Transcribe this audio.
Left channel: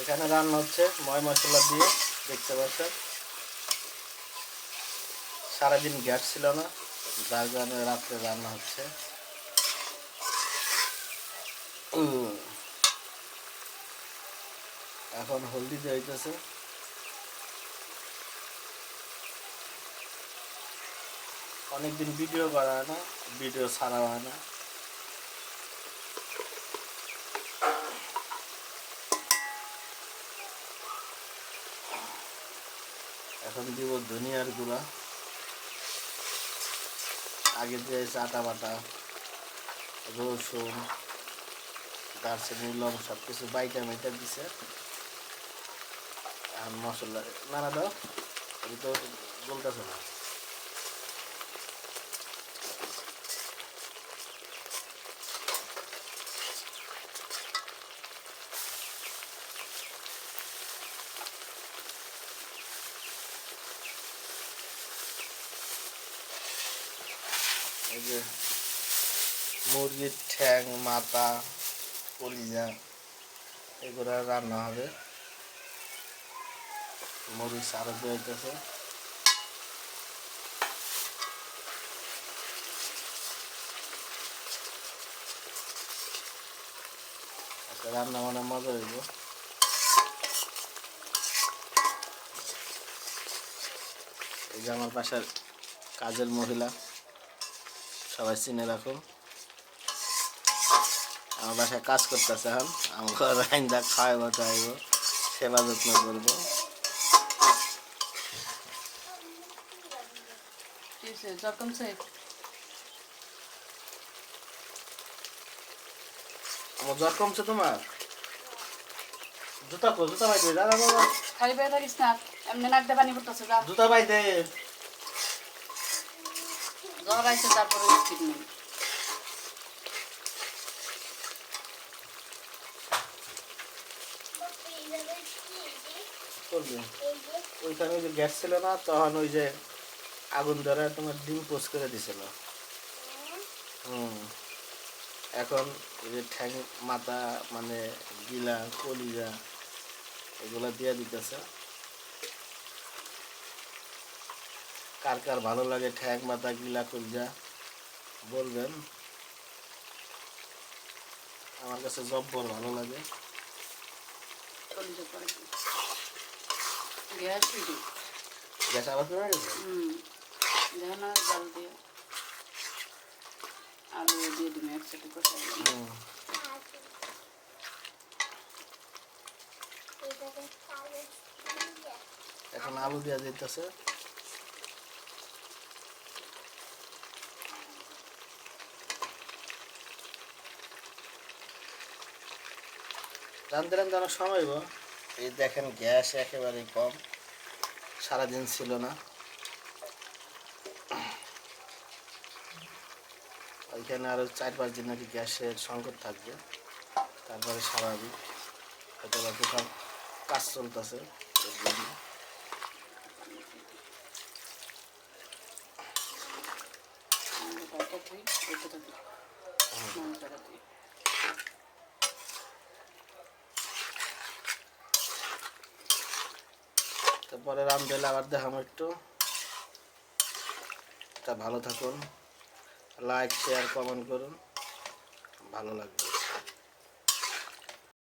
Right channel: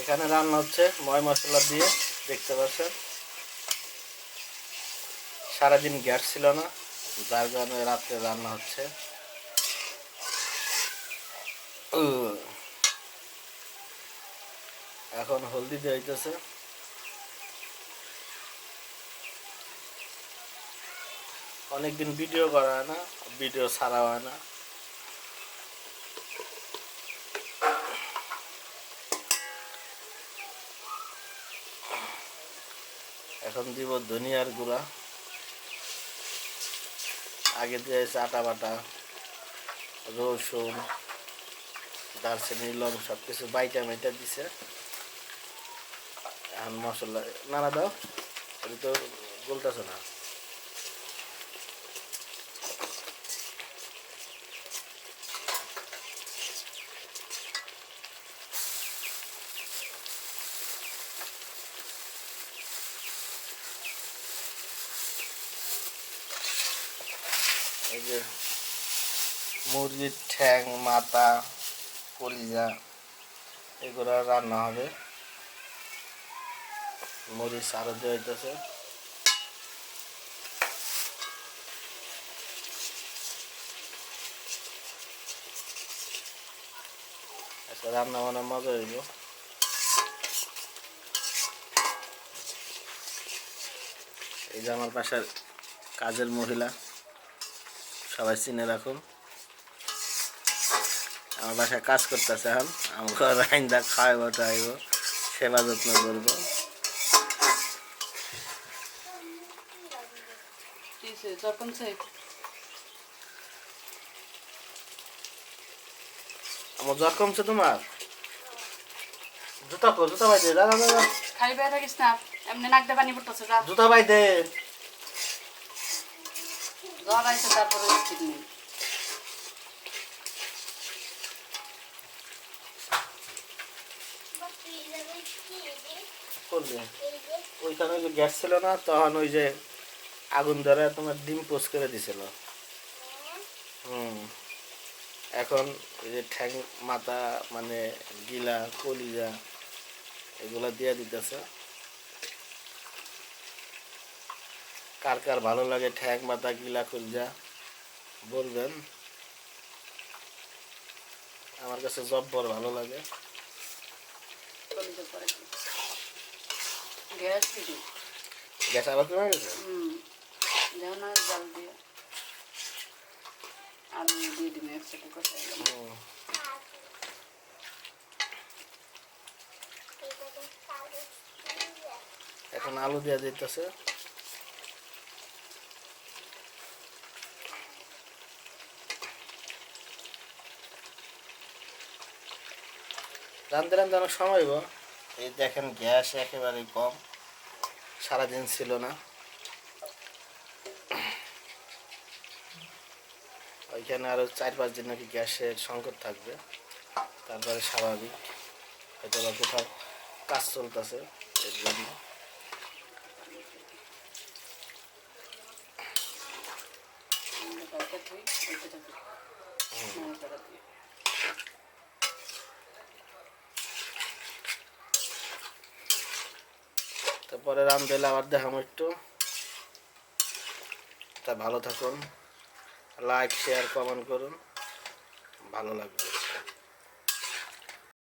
এখানে রান্না হচ্ছে ময় মশলা দিয়ে, দেখতে পাচ্ছেন। সারাদিন গ্যাস ছিল না, যার কারণে রাত্রে রান্না হচ্ছে। এখন হলদি দিয়ে হইতেছে। অনেকদিন ভিডিও করা হয় না, ভিডিও ছাড়া হয় না। এখন দিব ধনিয়ার গুঁড়া। আগে দিয়েছে আটা বাটা, রসুন, দারচিনি, লং সব কিছু বাইটা মেটা দিছে। এখন মশলা নানা দাও, এটা তো বলতেছে না। এই যে মুরগির ঠ্যাং, মাথা, কলিজা এগুলো রান্না হবে। মরিচ আরো দেওয়া হইতেছে। আচ্ছা, রান্না বান্না মজা হইব। এই যে আমার বাসার কাজের মহিলা, সবাই চিনে রাখুন। আমার বাসায় কাজ করতেছে, এখন আমাকে রাইন্দা খাওয়াইব টাইব, সেবা যত্ন করবো। আমার জ্বর কমছে তোমার? জুতা কো, জুতা বাইদে, দাদা দাদা খালি বেয়ে থাকিস না, এমনি নাক দিয়ে পানি পড়তেছে। জুতা বাইদে। জ্বর আইছে তারপরে ঠিক নেই। ওইখানে ওই যে গ্যাস ছিল না, তখন ওই যে আগুন ধরে তোমার ডিম পোস্ট করে দিছিল। এখন এই যে ঠ্যাং, মাথা, মানে গিলা, কলিজা এগুলা দিয়ে দিতেছে। কার কার ভালো লাগে ঠ্যাং, মাথা, গিলা, কলিজা বলবেন। আমার কাছে জব্বর ভালো লাগে। গ্যাস আবার কমে গেছে। জল দিয়ে আলু দিয়ে দিন একসাথে কষাই। এখন আলু দিয়ে দিতেছে। রান্ধতে রান্ধতে অনেক সময় হইব। এই দেখেন গ্যাস একেবারেই কম, সারাদিন ছিল না। ওইখানে আরো 4-5 দিন নাকি গ্যাসের সংকট থাকবে, তারপরে স্বাভাবিক। হয়তো বা কোথাও কাজ চলতেছে এর জন্য। তারপরে রান্ধলে আবার দেখাম একটু। তা ভালো থাকুন, লাইক, শেয়ার, কমেন্ট করুন, ভালো লাগবে।